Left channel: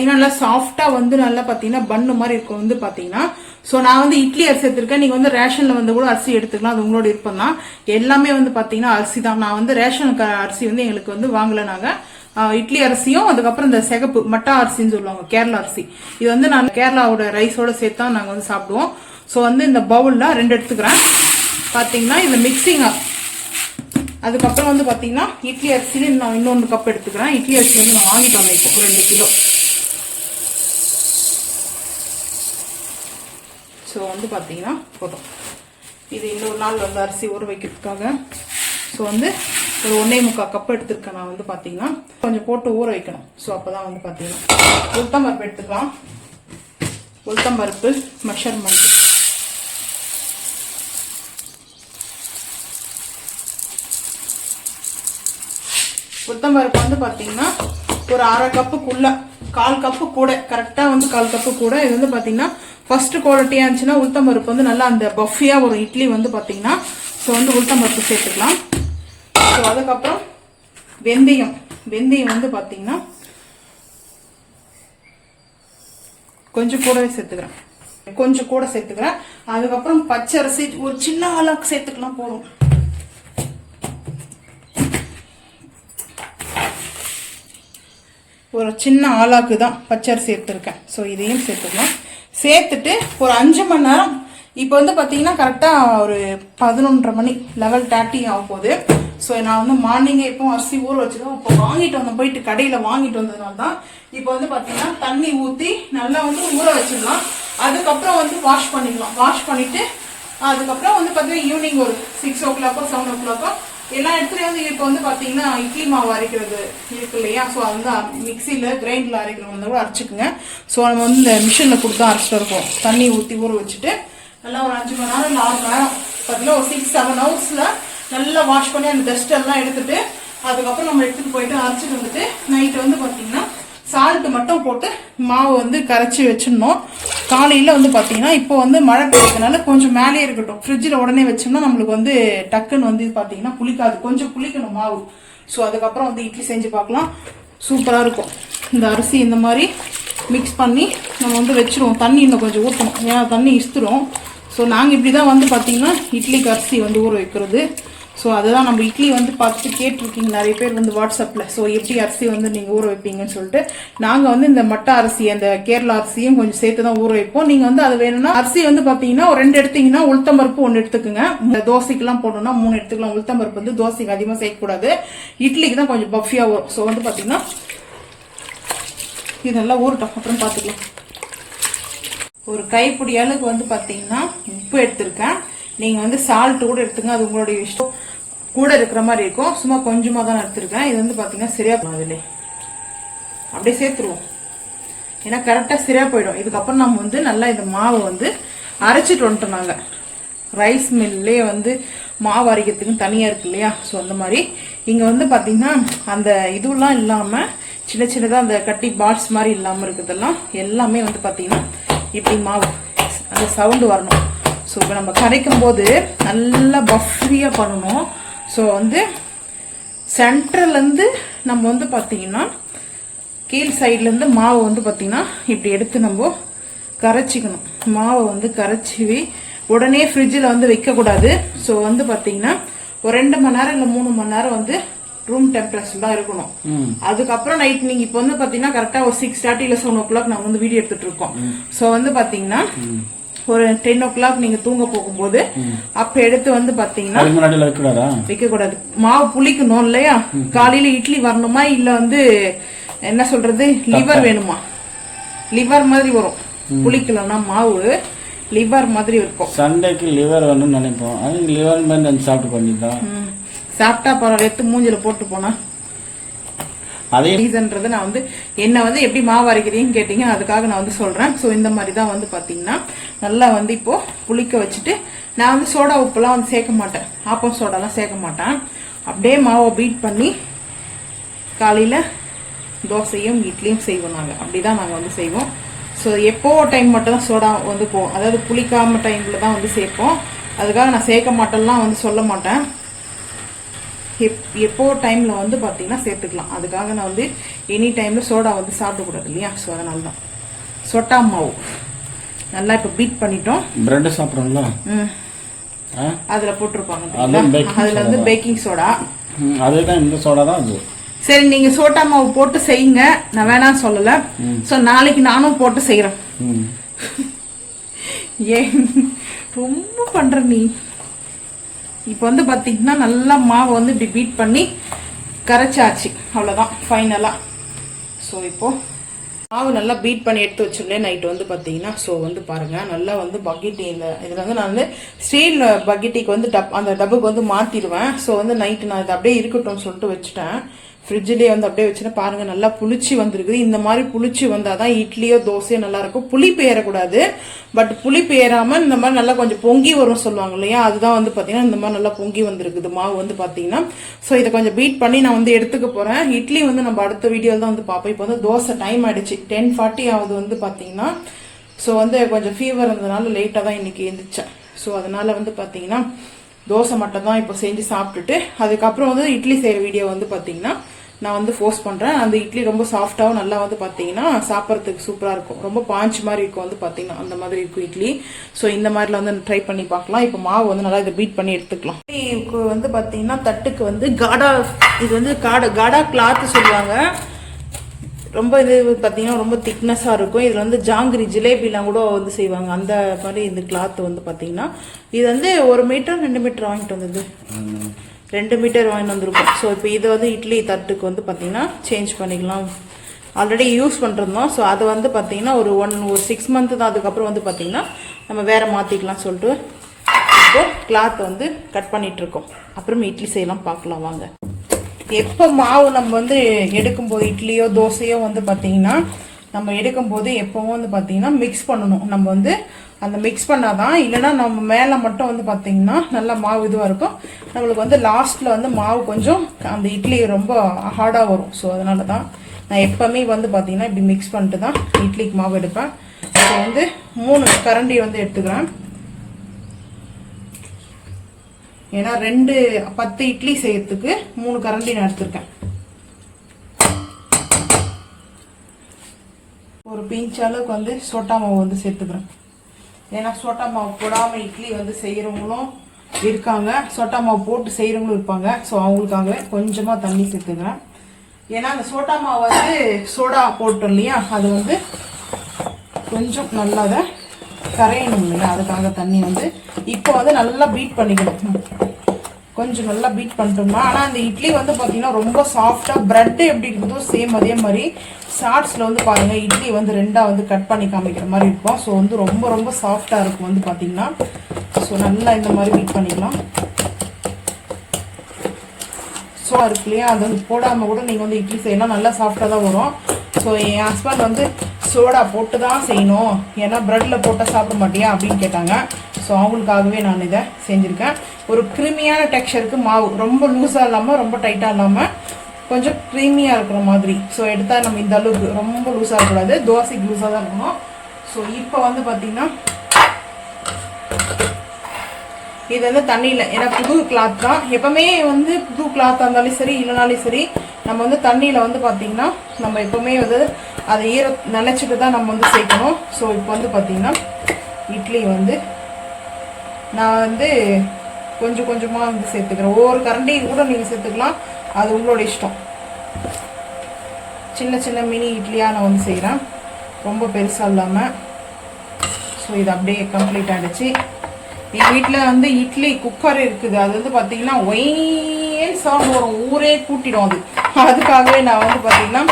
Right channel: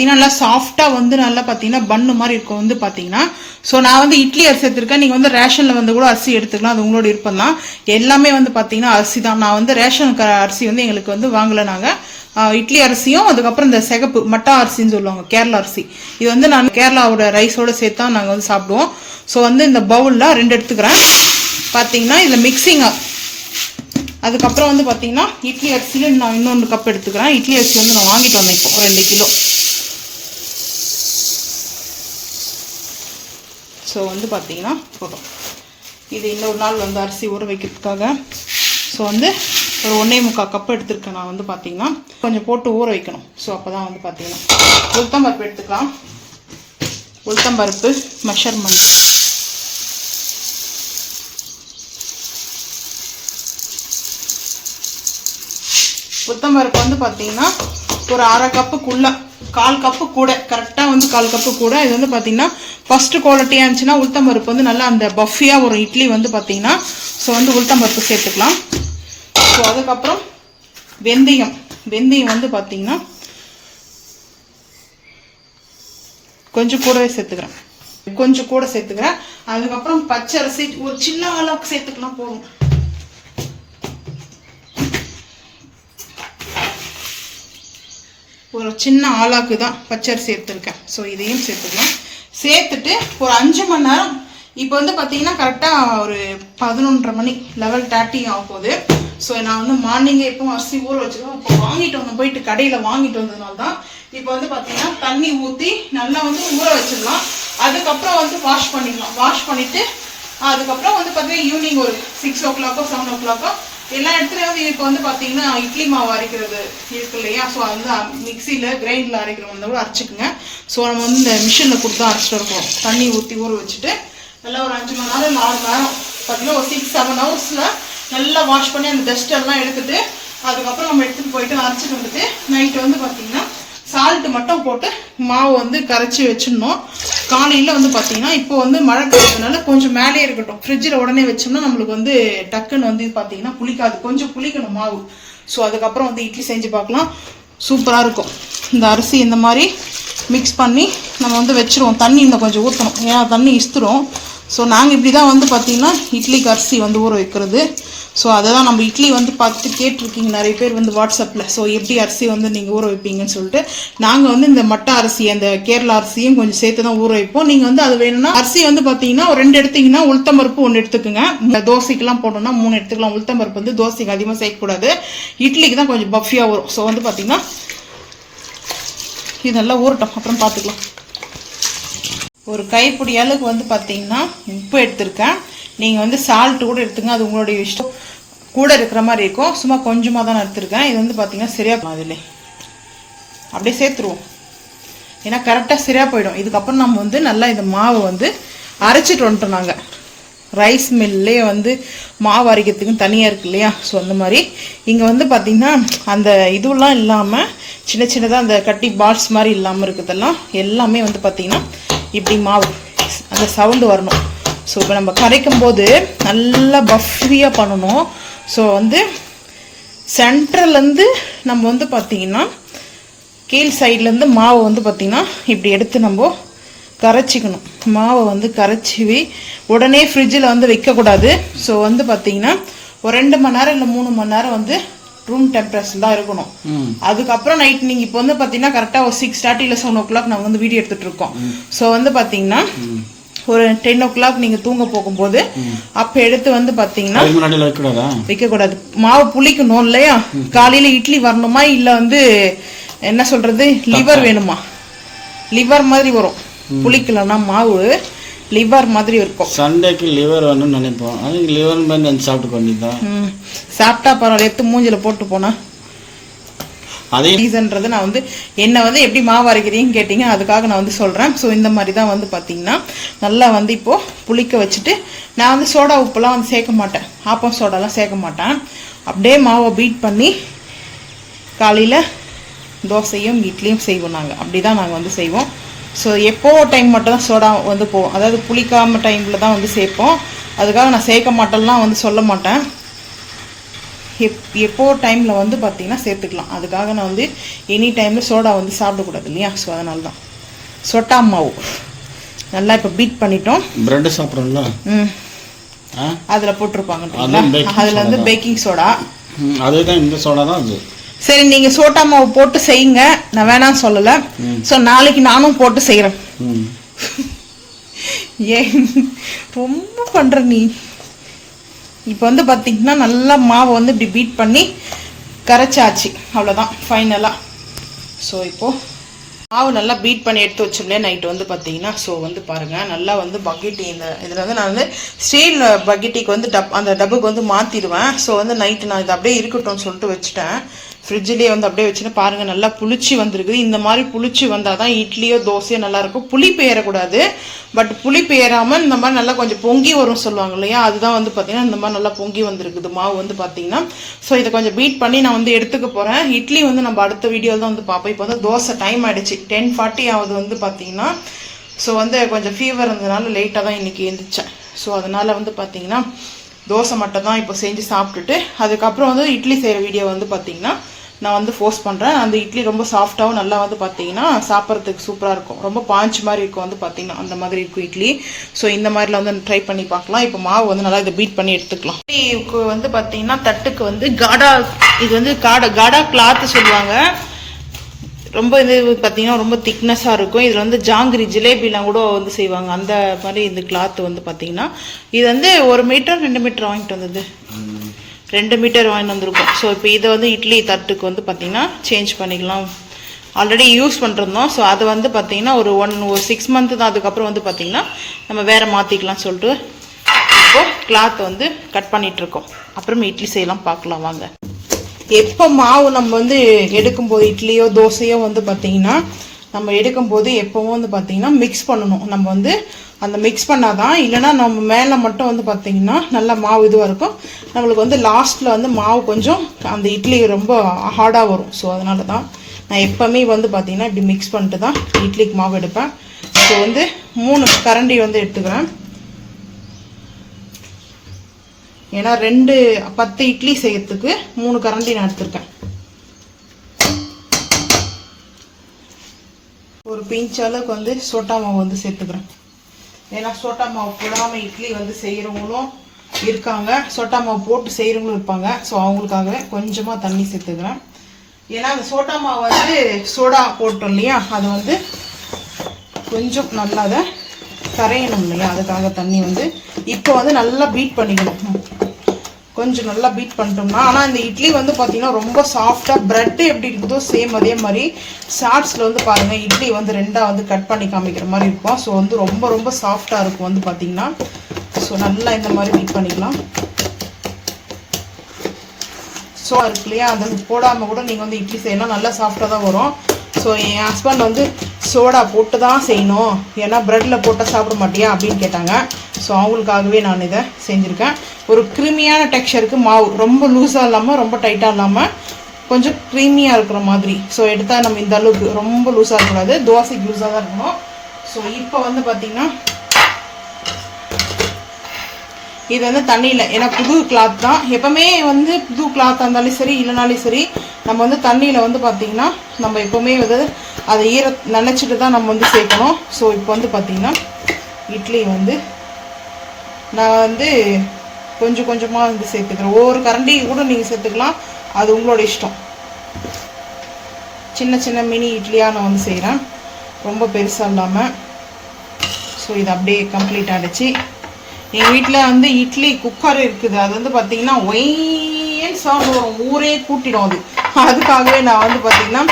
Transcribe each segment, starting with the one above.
பார்த்தீங்கன்னா நல்லா சாஃப்டாக வந்து நல்லா பார்த்தீங்கன்னா பன்னு மாதிரி இருக்கும் வந்து பார்த்தீங்கன்னா. ஸோ நான் வந்து இட்லி அரிசி எடுத்திருக்கேன். நீங்கள் வந்து ரேஷனில் வந்து கூட அரிசி எடுத்துக்கலாம், அது உங்களோட விருப்பம் தான். எல்லாமே வந்து பார்த்தீங்கன்னா அரிசி தான். நான் வந்து ரேஷன் அரிசி வந்து எங்களுக்கு வந்து வாங்கலை. நாங்கள் இட்லி அரிசியும் அதுக்கப்புறம் இந்த சிகப்பு மட்டா அரிசின்னு சொல்லுவாங்க, கேரளா அரிசி. இது வந்து நான் கேரளாவோட ரைஸோட சேர்த்து தான் நாங்கள் வந்து சாப்பிடுவோம். ஸோ வந்து இந்த பவுலில் 2 எடுத்துக்கிறேன். பார்த்தீங்கன்னா இதில் மிக்சிங்காக. அதுக்கப்புறம் வந்து பார்த்தீங்கன்னா இட்லி அரிசியில் நான் இன்னொன்று கப் எடுத்துக்கிறேன். இட்லி அரிசி வந்து நான் வாங்கிட்டு வந்தேன் இப்போ 2 கிலோ. ஸோ வந்து பார்த்தீங்கன்னா போதும். இது இன்னொரு நாள் வந்து அரிசி ஊற வைக்கிறதுக்காக. ஸோ வந்து ஒரு 1.25 கப் எடுத்துருக்கேன் நான் வந்து பார்த்தீங்கன்னா. கொஞ்சம் போட்டு ஊற வைக்கணும். ஸோ அப்போ தான் வந்து பார்த்தீங்கன்னா உளுத்தம்பருப்பு எடுத்துக்கலாம். உளுத்தம்பருப்பு மெஷர்மெண்ட் உளுத்தம்பருப்பு வந்து பார்த்தீங்கன்னா ஒரு 1/2 கப்புக்குள்ள 1/4 கப்பு கூட, கரெக்டாக வந்து 1/4 கப்பு கூட. இது வந்து பார்த்தீங்கன்னா ஃபஸ்ட்டு குவாலிட்டியாக இருந்துச்சுன்னா உளுத்தம்பருப்பு வந்து நல்லா அந்த பஃபியாக ஒரு இட்லி வந்து பார்த்தீங்கன்னா. ஸோ வந்து உளுத்தம்பருப்பு சேர்த்துக்கலாம். ஸோ அதுக்கப்புறம் வெந்தயம் வந்து பார்த்தீங்கன்னா கொஞ்சம் கூடவே சேர்த்துக்கிறேன். அதுக்கப்புறம் பச்சரிசி ஒரு சின்ன அளவுக்கு சேர்த்துக்கலாம், போதும். ஒரு சின்ன ஆளாக்கு தான் பச்சரிசி எடுத்துருக்கேன். ஸோ இதையும் சேர்த்துக்கலாம். சேர்த்துட்டு ஒரு 5 மணி நேரம். இப்போ வந்து பார்த்தீங்கன்னா கரெக்டாக ஒரு 11:30 மணி 11:30 ஆக போகுது. ஸோ நான் வந்து மார்னிங்கே இப்போ அரிசி ஊற வச்சுருக்கோம். இப்போ வாங்கிட்டு வந்தோம், போயிட்டு கடையில் வாங்கிட்டு வந்ததுனால தான். இப்போ வந்து பார்த்தீங்கன்னா தண்ணி ஊற்றி நல்லா வந்து ஊற வச்சிடலாம். அதுக்கப்புறம் வந்து வாஷ் பண்ணிக்கலாம். வாஷ் பண்ணிவிட்டு அதுக்கப்புறம் வந்து பார்த்தீங்கன்னா ஈவினிங் ஒரு 6 o'clock 7 o'clock எல்லா இடத்துலையும் வந்து இப்போ வந்து பார்த்தீங்கன்னா இட்லி மாவு அரைக்கிறது இருக்கு இல்லையா. ஸோ வந்து மிக்சியில் கிரைண்டரில் அரைக்கிறவங்க வந்து கூட அரைச்சிக்குங்க. ஸோ நம்ம வந்து இந்த மிஷினில் கொடுத்து அரைச்சிட்டு இருக்கோம். தண்ணி ஊற்றி ஊற வச்சுட்டு நல்லா ஒரு 5 மணி நேரம் இல்லை 6 மணி நேரம் பார்த்தீங்கன்னா ஒரு 6-7 ஹவர்ஸில் நல்லா வாஷ் பண்ணி அந்த டஸ்ட் எல்லாம் எடுத்துட்டு அதுக்கப்புறம் நம்ம எடுத்துகிட்டு போயிட்டு அரைச்சிட்டு வந்துட்டு நைட்டு வந்து பார்த்தீங்கன்னா சால்ட்டு மட்டும் போட்டு மாவு வந்து கரைச்சி வச்சிடணும். காலையில் வந்து பார்த்தீங்கன்னா இப்போ வந்து மழை பெய்யறதுனால கொஞ்சம் மேலே இருக்கட்டும். ஃப்ரிட்ஜில் உடனே வச்சோம்னா நம்மளுக்கு வந்து டக்குன்னு வந்து பார்த்தீங்கன்னா புளிக்காது, கொஞ்சம் புளிக்கணும் மாவு. ஸோ அதுக்கப்புறம் வந்து இட்லி செஞ்சு பார்க்கலாம், சூப்பராக இருக்கும். இந்த அரிசி இந்த மாதிரி மிக்ஸ் பண்ணி நம்ம வந்து வச்சுருவோம். தண்ணி இன்னும் கொஞ்சம் ஊற்றணும், ஏன்னா தண்ணி இஸ்துரும். ஸோ நாங்கள் இப்படி தான் வந்து பார்த்திங்கன்னா இட்லிக்கு அரிசி வந்து ஊற வைக்கிறது. ஸோ அதை தான் நம்ம இட்லி வந்து பார்த்துட்டு கேட்டிருக்கீங்க நிறைய பேர் வந்து வாட்ஸ்அப்பில். ஸோ எப்படி அரிசி வந்து நீங்கள் ஊற வைப்பீங்கன்னு சொல்லிட்டு நாங்கள் வந்து இந்த மட்டை அரிசி அந்த கேரளா அரிசியும் கொஞ்சம் சேர்த்து தான் ஊற வைப்போம். நீங்கள் வந்து அது வேணும்னா அரிசி வந்து பார்த்தீங்கன்னா ஒரு 2 எடுத்தீங்கன்னா உளுத்தம்பருப்பு 1 எடுத்துக்குங்க. தோசைக்கெல்லாம் போட்டோம்னா 3 எடுத்துக்கலாம். உளுத்தம்பருப்பு வந்து தோசைக்கு அதிகமாக சேர்க்கக்கூடாது, இட்லிக்கு தான் கொஞ்சம் பஃபியாக வரும். ஸோ வந்து பார்த்தீங்கன்னா இதெல்லாம் ஊறட்டும், அப்புறம் பார்த்துக்கலாம். ஒரு கைப்பிடி அளவுக்கு வந்து பார்த்தீங்கன்னா உப்பு எடுத்திருக்கேன். நீங்கள் வந்து சால்ட்டு கூட எடுத்துங்க, அது உங்களுடைய இஷ்டம். கூட இருக்கிற மாதிரி இருக்கும், சும்மா கொஞ்சமாக தான் நான் எடுத்துருக்கேன். இது வந்து பார்த்தீங்கன்னா சரியாக அதில் அப்படியே சேர்த்துருவோம், ஏன்னா கரெக்டாக சரியாக போயிடும். இதுக்கப்புறம் நம்ம வந்து நல்லா இந்த மாவை வந்து அரைச்சிட்டு வந்துட்டோம். நாங்கள் ரைஸ் மில்லே வந்து மாவு அரைக்கிறதுக்கு தனியாக இருக்கு இல்லையா. ஸோ அந்த மாதிரி இங்கே வந்து பார்த்திங்கன்னா அந்த இதுவெல்லாம் இல்லாமல் சின்ன சின்னதாக அந்த கட்டி பால்ஸ் மாதிரி இல்லாமல் இருக்கிறதெல்லாம் எல்லாமே வந்து பார்த்திங்கன்னா இப்படி மாவு அந்த சவுண்டு வரணும். ஸோ இப்போ நம்ம கரைக்கும் போது நல்லா பஃபியாக பண்ணணும். ஸோ வந்து சென்ட்ரல்லேருந்து நம்ம வந்து பார்த்திங்கன்னா கீழ் சைட்லேருந்து மாவை வந்து பார்த்திங்கன்னா இப்படி எடுத்து நம்ம கரைச்சிக்கணும். மாவை வந்து கரைச்சி உடனே ஃப்ரிட்ஜில் வந்து வைக்கக்கூடாது. ஸோ வந்து பார்த்திங்கன்னா ஒரு 2 மணி நேரம் இல்லை 3 மணி நேரம் வந்து ரூம் டெம்பரேச்சர் தான் இருக்கணும். அதுக்கப்புறம் நைட் நீங்கள் இப்போ வந்து பார்த்தீங்கன்னா கரெக்டாக ஒரு 6:30 இல்லை 7 o'clock நாங்கள் வந்து வீடியோ எடுத்துகிட்டு இருக்கோம். ஸோ வந்து பார்த்தீங்கன்னா ஒரு 10 o'clock நீங்கள் தூங்க போகும்போது அப்போ எடுத்து வந்து பார்த்தீங்கன்னா வைக்கக்கூடாது. மாவு புளிக்கணும் இல்லையா. காலையில் இட்லி வரணுமா இல்லை வந்து என்ன சொல்கிறது லிவர் வேணுமா, லிவர் மாதிரி வரும். புளிக்கலன்னா மாவு லிவர் மாதிரி இருக்கும். சண்டேக்கு லிவர் வேணும்னு நினைப்போம், அதுக்கு லிவர் மாதிரி நினச்சி சாப்பிட்டு பண்ணிதான் சாப்பிட்டா பரவாயில்ல, எடுத்து மூஞ்சில் போட்டு போனா அதே ரீசன்றது. நான் வந்து என்ன வந்து எப்படி மாவு அரைக்கிறீங்கன்னு கேட்டீங்க, அதுக்காக நான் வந்து சொல்கிறேன். ஸோ இந்த மாதிரி தான் வந்து பார்த்தீங்கன்னா நல்லா வந்து இப்போது புளிக்க வச்சுட்டு நான் வந்து சோடா உப்புலாம் வந்து சேர்க்க மாட்டேன், ஆப்பம் சோடாலாம் சேர்க்க மாட்டேன். அப்படியே மாவை பீட் பண்ணி காலையில் தோசையும் இட்லியும் செய்வோம். நாங்கள் அப்படி தான் நாங்கள் வந்து செய்வோம். ஸோ எப்போ டைம் மட்டும் தான் சோடா வந்து போவோம், அதாவது புளிக்காம டைமில் தான் வந்து சேர்ப்போம். அதுக்காக நான் சேர்க்க மாட்டேன்லாம் வந்து சொல்ல மாட்டேன். எப்போ டைமில் வந்து பார்த்திங்கன்னா சேர்த்துக்கலாம். அதுக்காக நான் வந்து எனி டைமில் சோடா வந்து சாப்பிடக்கூடாது இல்லையா, ஸோ அதனால தான். சொட்டா மாவு நல்லா இப்போ பீட் பண்ணிட்டோம். பிரெட்டு சாப்பிட்றோம்ல, அதில் போட்டிருப்பாங்க, அதில் வந்து பேக்கிங் சோடா. அதுதான் இந்த சோடா தான் அது. சரி, நீங்கள் சோட்டா மாவு போட்டு செய்யுங்க, நான் வேணாம் சொல்லலை. ஸோ நாளைக்கு நானும் போட்டு செய்கிறேன். ஏன் ரொம்ப பண்ணுற நீ? இப்போ வந்து பார்த்திங்கன்னா நல்லா மாவை வந்து இப்படி பீட் பண்ணி கரைச்சாச்சு, அவ்வளோதான் ஃபைனலாக. ஸோ இப்போது மாவு நல்லா பீட் பண்ணி எடுத்து வச்சோம்லையே நைட்டு வந்து பார்த்தீங்கன்னா, ஸோ வந்து பாருங்கள் நல்லா வந்து பக்கெட்டி இந்த இதில் வந்து நான் வந்து ஸ்டீல் பக்கெட்டிக்கு வந்து அந்த டப்புக்கு வந்து மாற்றிடுவேன். ஸோ வந்து நைட்டு நான் இது அப்படியே இருக்கட்டும்னு சொல்லிட்டு வச்சுட்டேன். ஃப்ரிட்ஜிலேயே வந்து அப்படியே வச்சுன்னா பாருங்கள் நல்லா புளிச்சு வந்திருக்குது. இந்த மாதிரி புளிச்சு வந்தால் தான் இட்லியோ தோசையோ நல்லாயிருக்கும். புளிப்பு ஏறக்கூடாது, பட் புளிப்பு ஏறாமல் இந்த மாதிரி நல்லா கொஞ்சம் பொங்கி வரும் சொல்லுவாங்க இல்லையா, அதுதான் வந்து பார்த்திங்கன்னா இந்த மாதிரி நல்லா பொங்கி வந்திருக்குது மாவு வந்து பார்த்திங்கன்னா. ஸோ இதை கொஞ்சம் பீட் பண்ணி நான் வந்து எடுத்துக்க போகிறேன். இட்லி வந்து நம்ம அடுத்த வீடியோவில் தான் வந்து பார்ப்போம். இப்போ வந்து தோசை டைம் ஆகிடுச்சு, 10:40 ஆகுது வந்து பார்த்திங்கன்னா. ஸோ வந்து கொஞ்சம் ஃபீவர் இருந்ததுனால லேட்டாக தான் இன்றைக்கி எழுந்திரிச்சேன். ஸோ அதனால் வந்து பார்த்திங்கன்னா தோசை மட்டும் தான் இப்போ செஞ்சு சாப்பிட்டுட்டு அதுக்கப்புறம் வந்து இட்லி செய்கிற வீடியோ வந்து பார்த்திங்கன்னா நான் வந்து போஸ்ட் பண்ணுறேன். அந்த இட்லி ரொம்ப சாஃப்டாகவும் நல்லா வந்து பார்த்திங்கன்னா சாப்பிட்றதுக்கு சூப்பராக இருக்கும். ரொம்ப பாஞ்சு மாதிரி இருக்கும் வந்து பார்த்திங்கன்னா, அந்த மாதிரி இருக்கும் இட்லி. ஸோ இந்த மாதிரிலாம் வந்து ட்ரை பண்ணி பார்க்கலாம். இப்போ மாவு வந்து நல்லா இதை பீட் பண்ணி எடுத்துக்கலாம். இட்லிக்கு வந்து பார்த்திங்கன்னா தட்டுக்கு வந்து காடா, இது வந்து காடா கிளாத்து சொல்லுவாங்க. ரொம்ப இது பார்த்திங்கன்னா ரொம்ப திக்னஸாக இருக்கும். இதில் வந்து ஜாங்கிரி ஜிலேபிலாம் கூட வந்து செய்வாங்க, அந்த மாதிரி இந்த கிளாத்து வந்து பார்த்திங்கன்னா. இது வந்து 1 மீட்டர் 2 மீட்டர் வாங்கிட்டு வந்தது, 2 மீட்டர் வாங்கிட்டு வந்திருக்கோம். ஸோ இப்போ இதை வந்து இட்லி தட்டுக்கு வந்து பார்த்திங்கன்னா சேஞ்ச் பண்ணிக்கலாம். ஆல்ரெடி யூஸ் பண்ணிருந்தோம். ஸோ அதை வந்து பார்த்திங்கன்னா ஒரு 6 மந்த்து தான். அதுக்கப்புறம் வந்து பார்த்திங்கன்னா நம்ம வேறு மாற்றிக்கலாம் சொல்லிட்டு இப்போது கிளாத் வந்து கட் பண்ணிகிட்ருக்கோம். அப்புறம் இட்லி செய்யலாம், பார்க்கலாம் வாங்க. எப்போ மாவு நம்ம வந்து எடுக்கும்போது இட்லியோ தோசையோ வந்து பார்த்திங்கன்னா நம்ம எடுக்கும்போது எப்போவும் வந்து பார்த்திங்கன்னா மிக்ஸ் பண்ணணும். நம்ம வந்து அந்த மிக்ஸ் பண்ணாதான், இல்லைனா நம்ம மேலே மட்டும் வந்து பார்த்திங்கன்னா நல்லா மாவு இதுவாக இருக்கும். நம்மளுக்கு வந்து லாஸ்ட்டில் வந்து மாவு கொஞ்சம் அந்த இட்லி ரொம்ப ஹார்டாக வரும். ஸோ அதனால தான் நான் எப்போவுமே வந்து பார்த்திங்கன்னா இப்படி மிக்ஸ் பண்ணிட்டு தான் இட்லிக்கு மாவு எடுப்பேன். ஸோ வந்து 3 கரண்டி வந்து எடுத்துக்கிறேன். ஏன்னா 10 இட்லி செய்யறதுக்கு 3 கரண்டி நான் எடுத்திருக்கேன். ஒரு பிஞ்ச் அளவுக்கு வந்து சோட்டா மாவு வந்து சேர்த்துக்கிறேன். ஏன்னா சோட்டா மாவு போடாமல் இட்லி வந்து செய்கிறவங்களும் இருக்காங்க, சோட்டா மாவு போட்டு செய்கிறவங்களும் இருப்பாங்க. ஸோ அவங்களுக்காகவே கொஞ்சமாக தண்ணி சேர்த்துக்கிறேன். ஏன்னா அந்த சோட்டா மாவு வந்து சோடா போட்டோம் இல்லையா, அது வந்து கொஞ்சம் நல்லா அதை கரையணும் இல்லையா, அதுக்காக தண்ணி வந்து இப்போ வந்து நல்லா பீட் பண்ணிக்கணும். கொஞ்சம் நல்லா பீட் பண்ணிட்டோம்னா, ஆனால் இந்த இட்லி வந்து பார்த்தீங்கன்னா ரொம்ப சாஃப்டாக, ப்ரெட்டு எப்படி இருக்குதோ சேம் அதே மாதிரி ஷார்ட்ஸில் வந்து பாருங்கள் இட்லி வந்து 2ஆக வந்து கட் பண்ணி காமிக்கிற மாதிரி இருக்கும். ஸோ வந்து ரொம்ப ரொம்ப சாஃப்டாக இருக்கும் வந்து பார்த்திங்கன்னா. ஸோ நல்லா இந்த மாதிரி பீட் பண்ணிக்கலாம். ஸோ இருக்கு இல்லையா, அது வந்து போடாமல் கூட நீங்கள் வந்து இட்லி செய்யலாம், நல்லா சாஃப்டாக தான் வரும். ஸோ என் ஹஸ்பண்ட் வந்து சோடா போட்டு தான் செய்யணும், ஏன்னா ப்ரெட்டில் போட்டால் சாப்பிட மாட்டியா அப்படின்னு கேட்டாங்க. ஸோ அவங்களுக்காகவே நான் இதை செஞ்சுருக்கேன். ஒரு க்ரீமியான டெக்ஸ்சருக்கு மாவு, ரொம்ப லூஸாக இல்லாமல் ரொம்ப டைட்டாக இல்லாமல் கொஞ்சம் க்ரீமியாக இருக்கிற மாதிரி. ஸோ எடுத்தால் நம்ம இந்த அளவுக்கு ரொம்ப லூஸாக இருக்கக்கூடாது, தோசைக்கு லூஸாக தான் இருக்கணும். ஸோ இப்போ வந்து பார்த்திங்கன்னா இது வந்து தண்ணியில், ஏன்னா புது கிளாத் தான், எப்போவுமே வந்து புது கிளாத்தாக இருந்தாலும் சரி இல்லைனாலும் சரி நம்ம வந்து தண்ணியில் வந்து பார்த்திங்கன்னா நம்ம எப்போவுமே வந்து அதை நினச்சிட்டு தான் நம்ம வந்து சேர்க்கணும். ஸோ இப்போ வந்து பார்த்திங்கன்னா இட்லி வந்து நான் வந்து கொஞ்சம் கொஞ்சமாக வந்து சேர்த்துக்கிறேன். ஒவ்வொரு கரண்டி கூட நீங்கள் சேர்த்துக்கலாம், அது உங்களோட இஷ்டம். சின்ன சின்ன மினி இட்லியாக நான் வந்து செய்கிறேன், ரொம்ப பெருசாக இல்லாமல். ஸோ இது அப்படியே கம்ப்ளீட் ஆகிடுச்சு. எங்கள் வீட்டில் வந்து இட்லி குக்கர் இருக்குது, அது வந்து பார்த்திங்கன்னா ஒயின் சவுண்ட் வரும், ஊரே கூட்டிடும் அது. அதுக்காகவே நான் வந்து பார்த்திங்கன்னா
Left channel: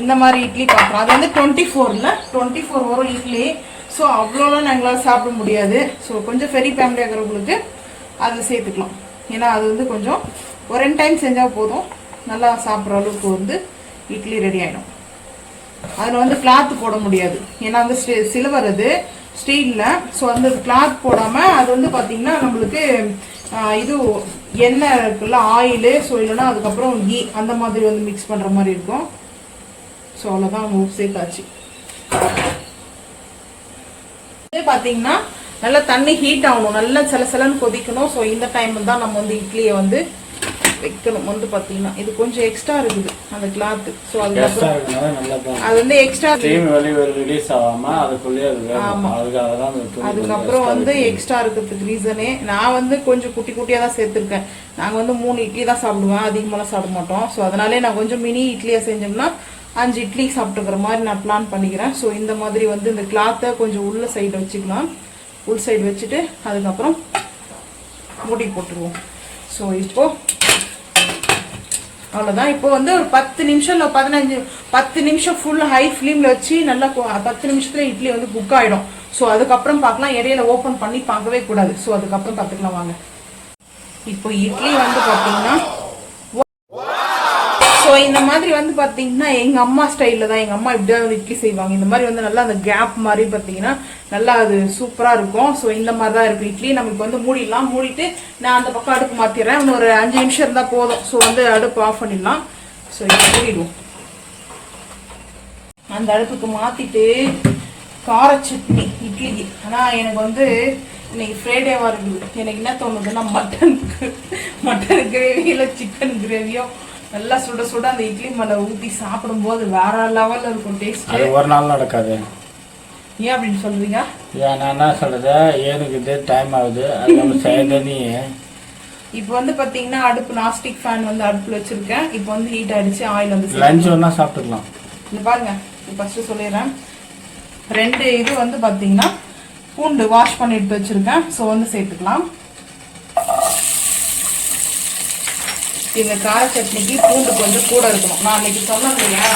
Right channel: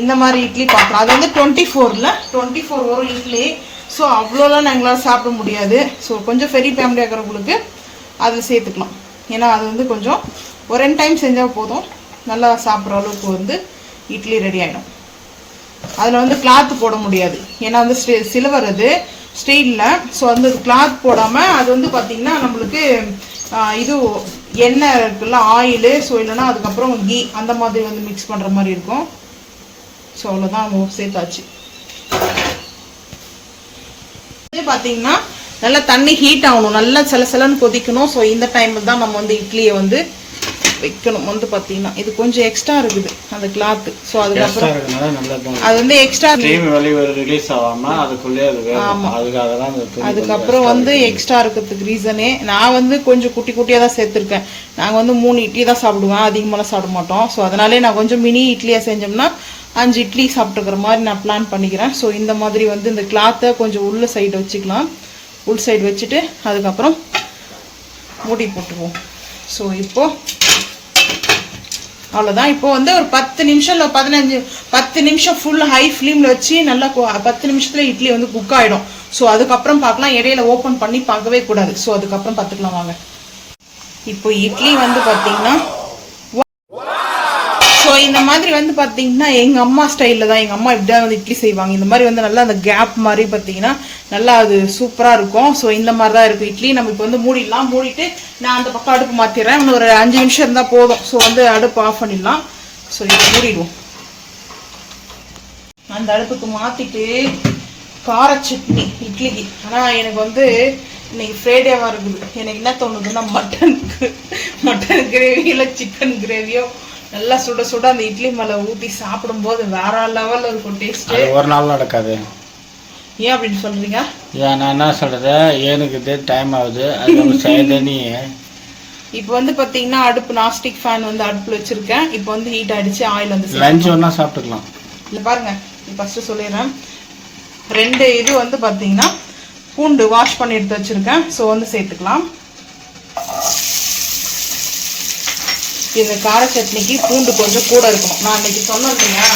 இந்த மாதிரி இட்லி பார்க்குறேன். அது வந்து 24 வரும் இட்லி. ஸோ அவ்வளோலாம் எங்களால் சாப்பிட முடியாது. ஸோ கொஞ்சம் பெரிய ஃபேமிலியாக இருக்கிறவங்களுக்கு அதில் சேர்த்துக்கலாம். ஏன்னா அது வந்து கொஞ்சம் ஒரு 2 டைம் செஞ்சால் போதும், நல்லா சாப்பிட்ற அளவுக்கு வந்து இட்லி ரெடி ஆகிடும். அதில் வந்து கிளாத்து போட முடியாது, ஏன்னா வந்து சில்வர் அது ஸ்டீலில். ஸோ அந்த கிளாத் போடாமல் அது வந்து பார்த்திங்கன்னா நம்மளுக்கு இது எண்ணெய் இருக்குல்ல, ஆயிலு, ஸோ இல்லைன்னா அதுக்கப்புறம் கீ அந்த மாதிரி வந்து மிக்ஸ் பண்ணுற மாதிரி இருக்கும். ஸோ அவ்வளோதான் நம்ம சேர்த்தாச்சு. பார்த்தீங்கன்னா நல்லா தண்ணி ஹீட் ஆகணும், நல்லா சிலன்னு கொதிக்கணும். ஸோ இந்த டைமில் தான் நம்ம வந்து இட்லியை வந்து வைக்கணும் வந்து பார்த்தீங்கன்னா இது கொஞ்சம் எக்ஸ்ட்ரா இருக்குது அந்த கிளாத்து. ஸோ அது அது வந்து எக்ஸ்ட்ரா ரிலீஸ் ஆகாமல் அதுக்குள்ளேயே அது வேணும். அதுக்காக தான் அதுக்கப்புறம் வந்து எக்ஸ்ட்ரா இருக்கிறதுக்கு ரீசனே நான் வந்து கொஞ்சம் குட்டி குட்டியாக தான் சேர்த்துருக்கேன். நாங்கள் வந்து 3 இட்லி தான் சாப்பிடுவேன், அதிகமாகலாம் சாப்பிட மாட்டோம். ஸோ அதனாலே நான் கொஞ்சம் மினி இட்லியாக செஞ்சோம்னா 5 இட்லி சாப்பிட்டுக்கிற மாதிரி நான் பிளான் பண்ணிக்கிறேன். ஸோ இந்த மாதிரி வந்து இந்த கிளாத்தை கொஞ்சம் உள்ள சைடு வச்சுக்கலாம். உள் சைடு வச்சுட்டு அதுக்கப்புறம் மூடி போட்டுருவோம். ஸோ இப்போது அவ்வளோதான். இப்போ வந்து ஒரு 10 நிமிஷம் இல்லை 10 நிமிஷம் ஃபுல் ஹை ஃப்ளேமில் வச்சு நல்லா 10 நிமிஷத்தில் இட்லி வந்து குக் ஆகிடும். ஸோ அதுக்கப்புறம் பார்க்கலாம், இடையில ஓப்பன் பண்ணி பார்க்கவே கூடாது. ஸோ அதுக்கப்புறம் பார்த்துக்கலாம் வாங்க. இப்போ இட்லி வந்து பார்த்தீங்கன்னா ஸோ இந்த மாதிரி வந்து பார்த்தீங்கன்னா எங்கள் அம்மா ஸ்டைலில் தான், எங்கள் அம்மா இப்படிதான் வந்து இட்லி செய்வாங்க. இந்த மாதிரி வந்து நல்லா அந்த கேப் மாதிரி பார்த்தீங்கன்னா நல்லா அது சூப்பராக இருக்கும். ஸோ இந்த மாதிரி தான் இருக்குது இட்லி. நம்ம இப்போ வந்து மூடிடலாம். மூடிட்டு நான் அந்த பக்கம் அடுப்பு மாற்றிடுறேன். இன்னும் ஒரு 5 நிமிஷம் இருந்தால் போதும். ஸோ வந்து அடுப்பு ஆஃப் பண்ணிடலாம். ஸோ இப்போ மூடிடுவோம். அந்த அடுப்புக்கு மாற்றிட்டு கார சட்னி இட்லிக்கு. ஆனால் எனக்கு வந்து இன்னைக்கு ஃப்ரைடேவாக இருக்குது. எனக்கு என்ன தோணுதுன்னா மட்டன் கிரேவி இல்லை சிக்கன் கிரேவியோ நல்லா சுட சுட அந்த இட்லி மேலே ஊற்றி சாப்பிடும்போது வேற லெவலில் இருக்கும் டேஸ்ட். அது ஒரு நாள் நடக்காது. ஏன் அப்படின்னு சொல்றீங்க? நான் என்ன சொல்றது, எனக்கு இதே டைம் ஆகுது. அது நம்ம செய்யறதே. இப்போ வந்து பார்த்தீங்கன்னா அடுப்பு நாஸ்டிக் ஃபேன் வந்து அடுப்பில் வச்சிருக்கேன். இப்போ வந்து ஹீட் ஆகிடுச்சு. ஆயில் வந்து லஞ்ச் ஒன்றா சாப்பிட்டுக்கலாம். இந்த பாருங்க, ஃபஸ்ட்டு சொல்லிடுறேன். 2 இது வந்து பார்த்தீங்கன்னா பூண்டு வாஷ் பண்ணி எடுத்து வச்சுருக்கேன். ஸோ வந்து சேர்த்துக்கலாம். இந்த கார சட்னிக்கு பூண்டு கொஞ்சம் கூட இருக்கணும். நான் அன்னைக்கு சொன்னேன் இல்லையா,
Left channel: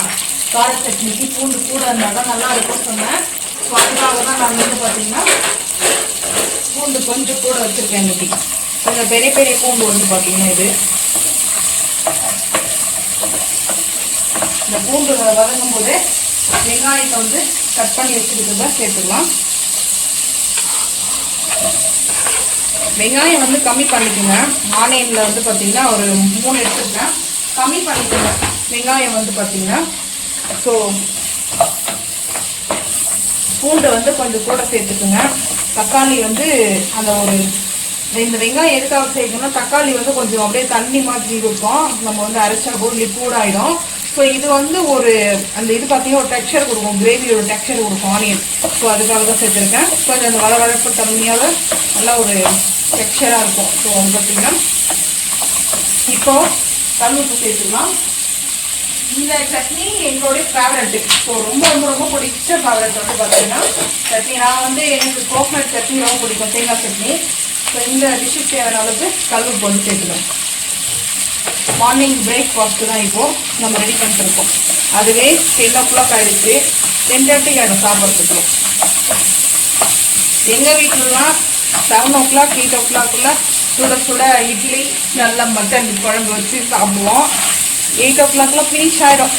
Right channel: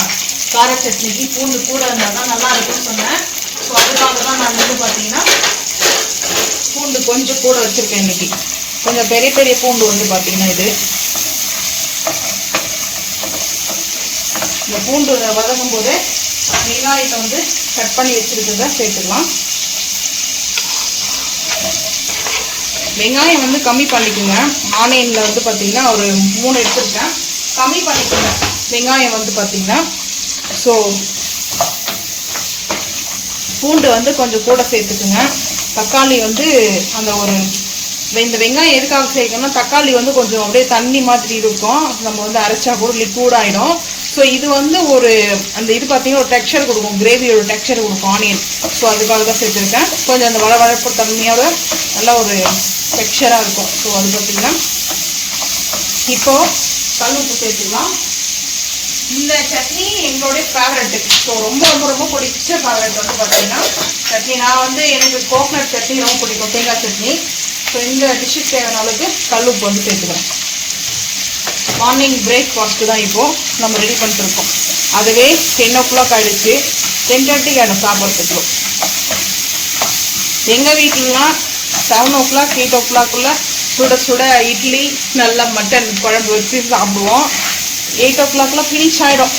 கார சட்னிக்கு பூண்டு கூட இருந்தால் தான் நல்லா இருக்கும்னு சொன்னேன். ஸோ அதுக்காக தான் நான் வந்து பார்த்தீங்கன்னா பூண்டு கொஞ்சம் கூட வச்சுருக்கேன் இன்னைக்கு. கொஞ்சம் பெரிய பெரிய பூண்டு வந்து பார்த்தீங்கன்னா இது இந்த பூண்டு வதங்கும் போதே வெங்காயத்தை வந்து கட் பண்ணி வச்சுருக்கிறத சேர்த்துக்கலாம். வெங்காயம் வந்து கம்மி பண்ணிக்கோங்க. ஆனியனில் வந்து பார்த்தீங்கன்னா ஒரு 3 எடுத்துருக்கேன். கம்மி பண்ணிக்கோங்க வெங்காயம் வந்து பார்த்தீங்கன்னா. ஸோ பூண்டு வந்து கொஞ்சம் கூட சேர்த்துக்குங்க. தக்காளி வந்து அந்த ஒரு இந்த வெங்காயம் எதுக்காக சேர்க்கணும்னா தக்காளி வந்து கொஞ்சம் அப்படியே தண்ணி மாதிரி இருக்கும். நம்ம வந்து அரைச்சா கூட லிக்விட் ஆகிடும். ஸோ இது வந்து ஒரு அந்த இது பார்த்தீங்கன்னா ஒரு டெக்ஸ்சர் கொடுக்கும், கிரேவியோட டெக்ஸ்சர் கொடுக்கும் ஆனியன். ஸோ அதுக்காக தான் சேர்த்துருக்கேன். கொஞ்சம் அந்த வளவளப்பு தன்மையோட நல்லா ஒரு டெக்ஸ்சராக இருக்கும். ஸோ அது பார்த்தீங்கன்னா இப்போது கல்லுப்பு சேர்த்துக்கலாம். இந்த சட்னி எங்களுடைய ஃபேவரட்டு. ஸோ ரொம்ப ரொம்ப ரொம்ப பிடிச்ச ஃபேவரட் வந்து பார்த்தீங்கன்னா சட்னி. நான் வந்து எனக்கு கோகனட் சட்னி ரொம்ப பிடிக்கும், தேங்காய் சட்னி. ஸோ இந்த டிஷ்ஷுக்கு தேவையான அளவுக்கு கல்லுப்பு வந்து சேர்த்துக்கிறேன். மார்னிங் பிரேக்ஃபாஸ்ட்டு தான் இப்போது நம்ம ரெடி பண்ணிட்டுருக்கோம். அதுவே 10 o'clock ஆகிடுச்சு. 10:30 ஆகிடும் சாப்பிட்றதுக்குள்ள. எங்கள் வீட்டிலலாம் 7 o'clock 8 o'clock சுட சுட இட்லி நல்லா மட்டன் குழம்பு வச்சு சாப்பிடுவோம். 8 o'clock ஃபினிஷ் ஆகிடும்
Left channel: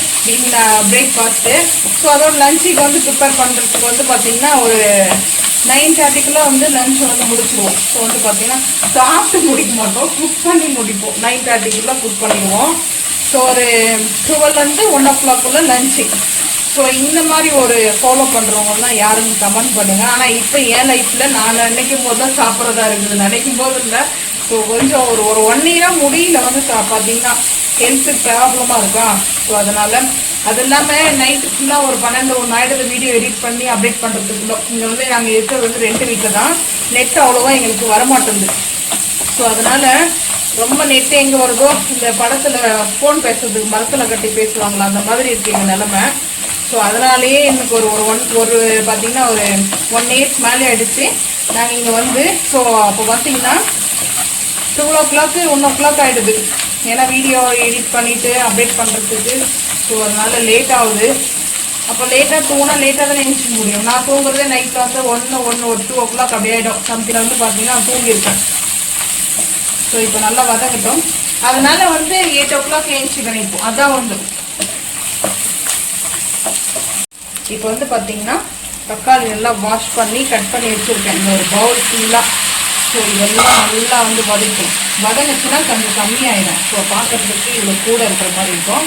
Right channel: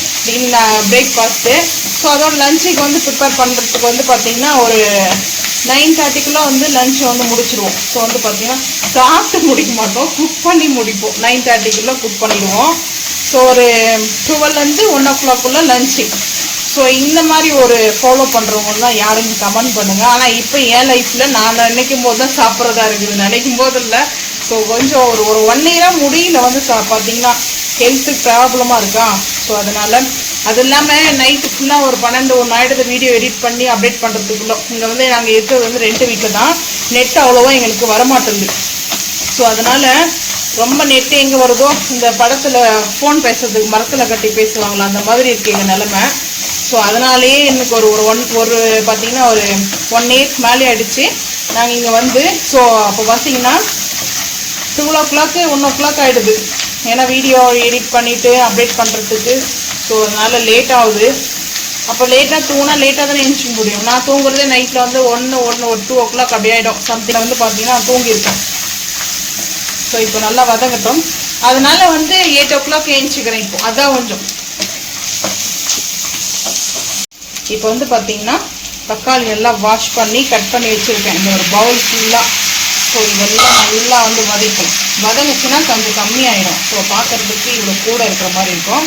பிரேக்ஃபாஸ்ட்டு. ஸோ அதோட லஞ்சுக்கு வந்து ப்ரிப்பேர் பண்ணுறதுக்கு வந்து பார்த்திங்கன்னா ஒரு 9:30 வந்து லஞ்ச் வந்து முடிச்சிடுவோம். ஸோ வந்து பார்த்திங்கன்னா சாப்பிட்டு முடிக்க மாட்டோம், குக் பண்ணி முடிப்போம். 9:30 குக் பண்ணிடுவோம். ஸோ ஒரு 12 1 o'clock லஞ்சு. ஸோ இந்த மாதிரி ஒரு ஃபாலோ பண்ணுறவங்கலாம் யாருன்னு கமெண்ட் பண்ணுங்கள். ஆனால் இப்போ என் லைஃப்பில் நான் நினைக்கும் போது தான் சாப்பிட்றதா இருக்குது, நினைக்கும் போது இல்லை. ஸோ கொஞ்சம் ஒரு 1 year முடியல வந்து பார்த்தீங்கன்னா ஹெல்த்து ப்ராப்ளமாக இருக்கா. ஸோ அதனால் அது இல்லாமல் நைட்டு ஃபுல்லாக ஒரு 12 1 ஆகிடுது வீடியோ எடிட் பண்ணி அப்டேட் பண்ணுறதுக்குள்ள. இங்கே வந்து நாங்கள் இருக்கிறது வந்து ரெண்ட் வீட்டில் தான். நெட் அவ்வளோவா எங்களுக்கு வரமாட்டேங்குது. ஸோ அதனால் ரொம்ப நெட்டு எங்கே வருதோ இந்த படத்தில் ஃபோன் பேசுறதுக்கு மரத்தில் கட்டி பேசுவாங்களா அந்த மாதிரி இருக்குது எங்கள் நிலமை. ஸோ அதனாலேயே எனக்கு ஒரு பார்த்திங்கன்னா ஒரு 1 year மேலே ஆகிடுச்சு நாங்கள் இங்கே வந்து. ஸோ அப்போ பார்த்திங்கன்னா 2 o'clock 1 o'clock ஆகிடுது. ஏன்னா வீடியோ எடிட் பண்ணிவிட்டு அப்டேட் பண்ணுறதுக்கு. ஸோ அதனால் லேட் ஆகுது. அப்போ லேட்டாக தூங்கினா லேட்டாக தான் எழுந்திரிக்க முடியும். நான் தூங்குறதே நைட்டில் வந்து 2 o'clock அப்படி ஆகிடும். சம்திங் வந்து பார்த்தீங்கன்னா நான் தூங்கியிருக்கேன். ஸோ இப்போ நல்லா வதங்கட்டும். அதனால வந்து 8 o'clock எழுந்திரிக்கிறேன். இப்போ அதான் கொஞ்சம். இப்போ வந்து பார்த்தீங்கன்னா தக்காளி எல்லாம் வாஷ் பண்ணி கட் பண்ணி வச்சுருக்கேன் இந்த ஒரு பவுல் ஃபுல்லாக. ஸோ இதெல்லாம் நல்லா வந்து வதங்குச்சுன்னா கொஞ்சம் கம்மியாயிடும். ஸோ பார்க்குறதுக்கு இவ்வளோ கூட இருக்கிற மாதிரி இருக்கும்.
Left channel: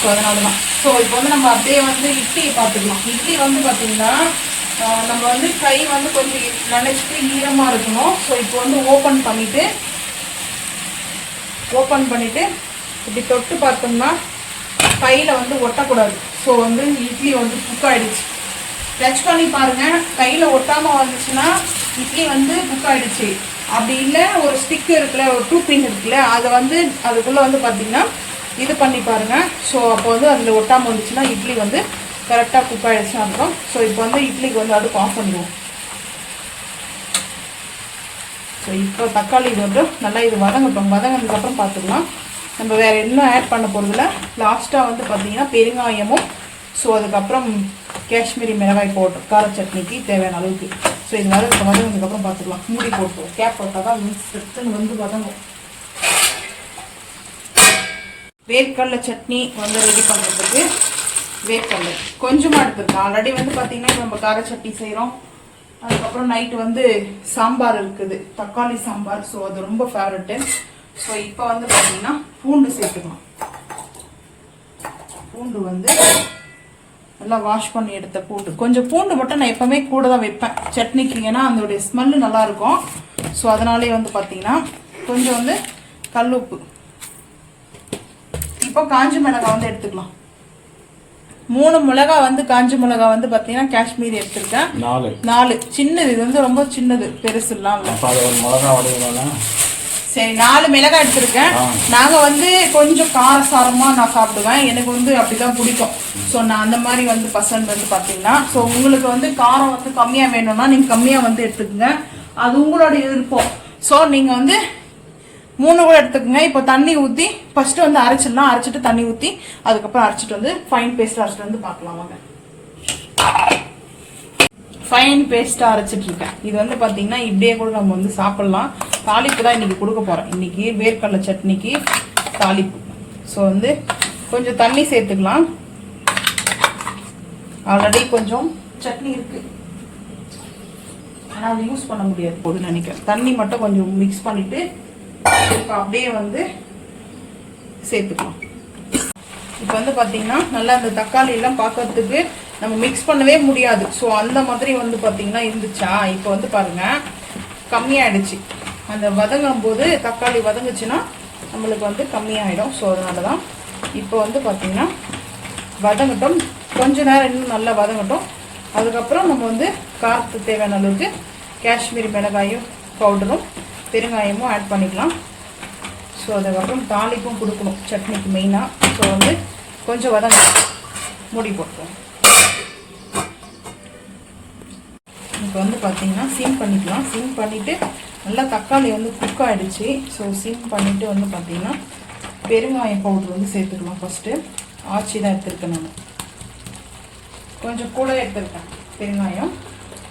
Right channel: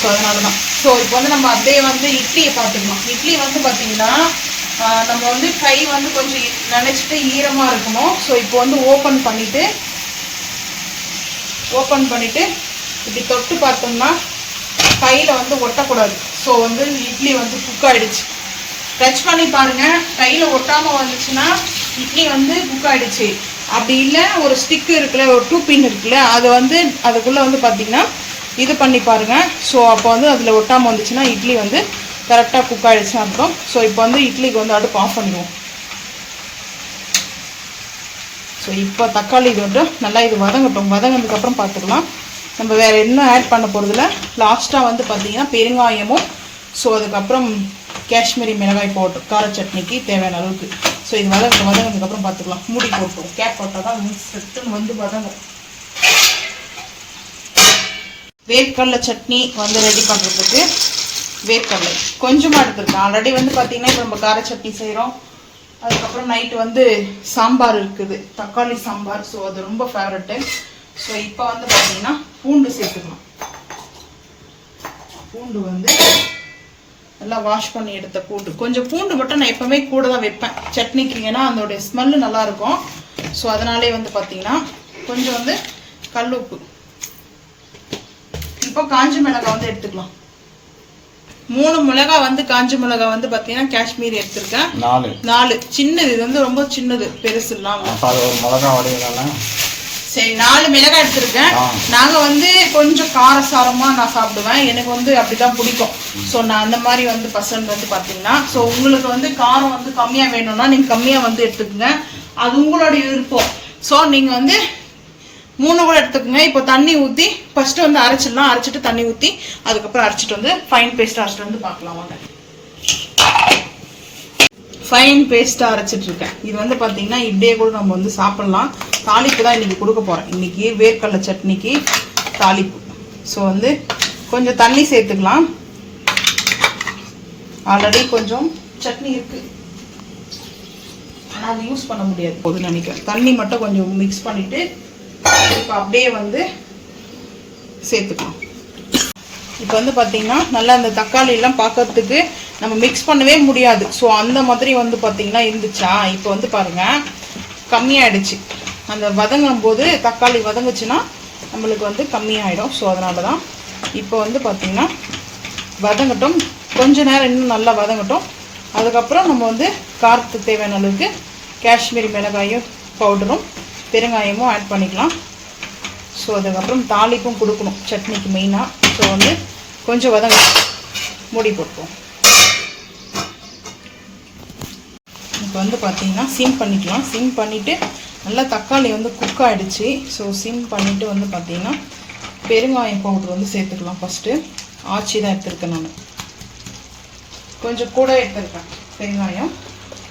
ஸோ அதனால தான். ஸோ இப்போ வந்து நம்ம அப்படியே வந்து இட்லியை பார்த்துக்கலாம். இட்லி வந்து பார்த்திங்கன்னா நம்ம வந்து கை வந்து கொஞ்சம் நினச்சிட்டு ஈரமாக இருக்கணும். ஸோ இப்போ வந்து ஓப்பன் பண்ணிவிட்டு ஓப்பன் பண்ணிவிட்டு இப்படி தொட்டு பார்த்தோம்னா கையில் வந்து ஒட்டக்கூடாது. ஸோ வந்து இட்லி வந்து குக் ஆகிடுச்சு. டச் பண்ணி பாருங்கள், கையில் ஒட்டாமல் வந்துச்சுன்னா இட்லி வந்து குக் ஆகிடுச்சு. அப்படி இல்லை ஒரு ஸ்டிக்கு இருக்குல்ல, ஒரு 2 பின் இருக்குல்ல, அதை வந்து அதுக்குள்ளே வந்து பார்த்திங்கன்னா இது பண்ணி பாருங்கள். ஸோ அப்போ வந்து அதில் ஒட்டாமல் வந்துச்சுன்னா இட்லி வந்து கரெக்டாக குக் ஆகிடுச்சுன்னு இருக்கும். ஸோ இப்போ வந்து இட்லிக்கு வந்து அடுப்பு ஆஃப் பண்ணிடுவோம். ஸோ இப்போ தக்காளி இது மட்டும் நல்லா இது வதங்கட்டும். வதங்கினதுக்கப்புறம் பார்த்துக்கலாம். நம்ம வேறு என்ன ஆட் பண்ண போகிறதுல லாஸ்ட்டாக வந்து பார்த்திங்கன்னா பெருங்காயமும், ஸோ அதுக்கப்புறம் காஷ்மீரி மிளகாய் பவுடர் கார சட்னிக்கு தேவையான அளவுக்கு. ஸோ இது வதங்கினதுக்கப்புறம் பார்த்துக்கலாம். மூடி போட்டுருவோம். கேப் போட்டால் தான் செட்டுன்னு வந்து வதங்கும். வேர்க்கடலை சட்னி வந்து ரெடி பண்ணுறதுக்கு வேர்க்கடலை கொஞ்சமாக எடுத்துருக்கோம். ஆல்ரெடி வந்து பார்த்திங்கன்னா இப்போ நம்ம கார சட்னி செய்கிறோம். அதுக்கப்புறம் நைட்டு வந்து சாம்பார் இருக்குது, தக்காளி சாம்பார். ஸோ அது ரொம்ப ஃபேவரெட்டு. ஸோ இப்போ வந்து பார்த்திங்கன்னா பூண்டு சேர்த்துக்கணும். பூண்டு வந்து நல்லா வாஷ் பண்ணி எடுத்த பூண்டு, கொஞ்சம் பூண்டு மட்டும் நான் எப்போவுமே கூட தான் வைப்பேன் சட்னிக்கு, ஏன்னா அதோடைய ஸ்மெல்லு நல்லாயிருக்கும். ஸோ அதனாலே வந்து பார்த்திங்கன்னா கொஞ்சம் வந்து கல் உப்பு. இப்போ காஞ்ச மிளகாய் வந்து எடுத்துக்கலாம். 3 மிளகாய் வந்து காஞ்ச மிளகாய் வந்து பார்த்தீங்கன்னா காஷ்மீரி எடுத்திருக்கேன். 4 சின்னது, இது வந்து ரொம்ப சின்னது, பெருசு இல்லாமல். சரி, 4 மிளகாய் எடுத்திருக்கேன். நாங்கள் வந்து கொஞ்சம் காரசாரமாக நான் சாப்பிடுவேன், எனக்கு வந்து அப்படிதான் பிடிக்கும். ஸோ நான் அந்த மாதிரி வந்து பர்சன்ட் வந்து பார்த்தீங்கன்னா, ஸோ உங்களுக்கு வந்து காரம் வந்து கம்மியாக வேணும்னா நீங்கள் கம்மியாக வந்து எடுத்துக்கோங்க, அது உங்களுடைய விருப்பம். ஸோ நீங்கள் வந்து 3 கூட எடுத்துக்கோங்க. இப்போ தண்ணி ஊற்றி ஃபஸ்ட்டு வந்து அரைச்சிடலாம். அரைச்சிட்டு தண்ணி ஊற்றி அதுக்கப்புறம் அரைச்சிட்டு வந்து ஃபைன் பேஸ்ட்டாக அரைச்சிட்டு வந்து பார்க்கலாம் வாங்க. ஃபைன் பேஸ்ட்டாக அரைச்சிட்ருக்கேன். இது வந்து பார்த்திங்கன்னா இப்படியே கூட நம்ம வந்து சாப்பிட்லாம். தாளிப்பு தான் இன்றைக்கி கொடுக்க போகிறேன். இன்றைக்கி வேர்க்கடலை சட்னிக்கு தாளிப்பு. ஸோ வந்து கொஞ்சம் தண்ணி சேர்த்துக்கலாம். ஆல்ரெடி கொஞ்சம் சட்னி இருக்குது, ஆனால் யூஸ் பண்ண முடியாது போதுன்னு நினைக்கிறேன். தண்ணி மட்டும் கொஞ்சம் மிக்ஸ் பண்ணிவிட்டு இப்போ அப்படியே வந்து சேர்த்துக்கலாம். இப்போ வந்து பார்த்திங்கன்னா நல்லா அந்த தக்காளி எல்லாம் பார்க்கறதுக்கு நம்ம மிக்ஸ் பண்ணவே முடியாது. ஸோ அந்த மாதிரி வந்து பார்த்திங்கன்னா இருந்துச்சா. இப்போ வந்து பாருங்கள் கம்மியாகிடுச்சு. அந்த வதங்கும் போது தக்காளி வதங்குச்சுன்னா நம்மளுக்கு வந்து கம்மியாகிடும். ஸோ அதனால தான் இப்போ வந்து பார்த்திங்கன்னா வதங்கட்டும், கொஞ்ச நேரம் இன்னும் நல்லா வதங்கட்டும். அதுக்கப்புறம் நம்ம வந்து காரத்துக்கு தேவையான அளவுக்கு காஷ்மீரி மிளகாயும் பவுடரும் பெருங்காயமும் ஆட் பண்ணிக்கலாம். ஸோ அதுக்கப்புறம் தாளிப்பும் கொடுக்கணும் சட்னிக்கு மெயினாக. ஸோ வந்து கொஞ்சம் வதங்க மூடி போட்டுப்போம். இப்போ வந்து பார்த்திங்கன்னா சிம் பண்ணிக்கலாம். சிம் பண்ணிவிட்டு நல்லா தக்காளி வந்து குக் ஆகிடுச்சு. ஸோ சிம் பண்ணிவிட்டு வந்து பார்த்திங்கன்னா பெருங்காயம் பவுடர் வந்து சேர்த்துக்கலாம். ஃபஸ்ட்டு ஆச்சி தான் எடுத்துருக்கேன், நான் கொஞ்சம் கூட எடுத்துருக்கேன் பெருங்காயம்.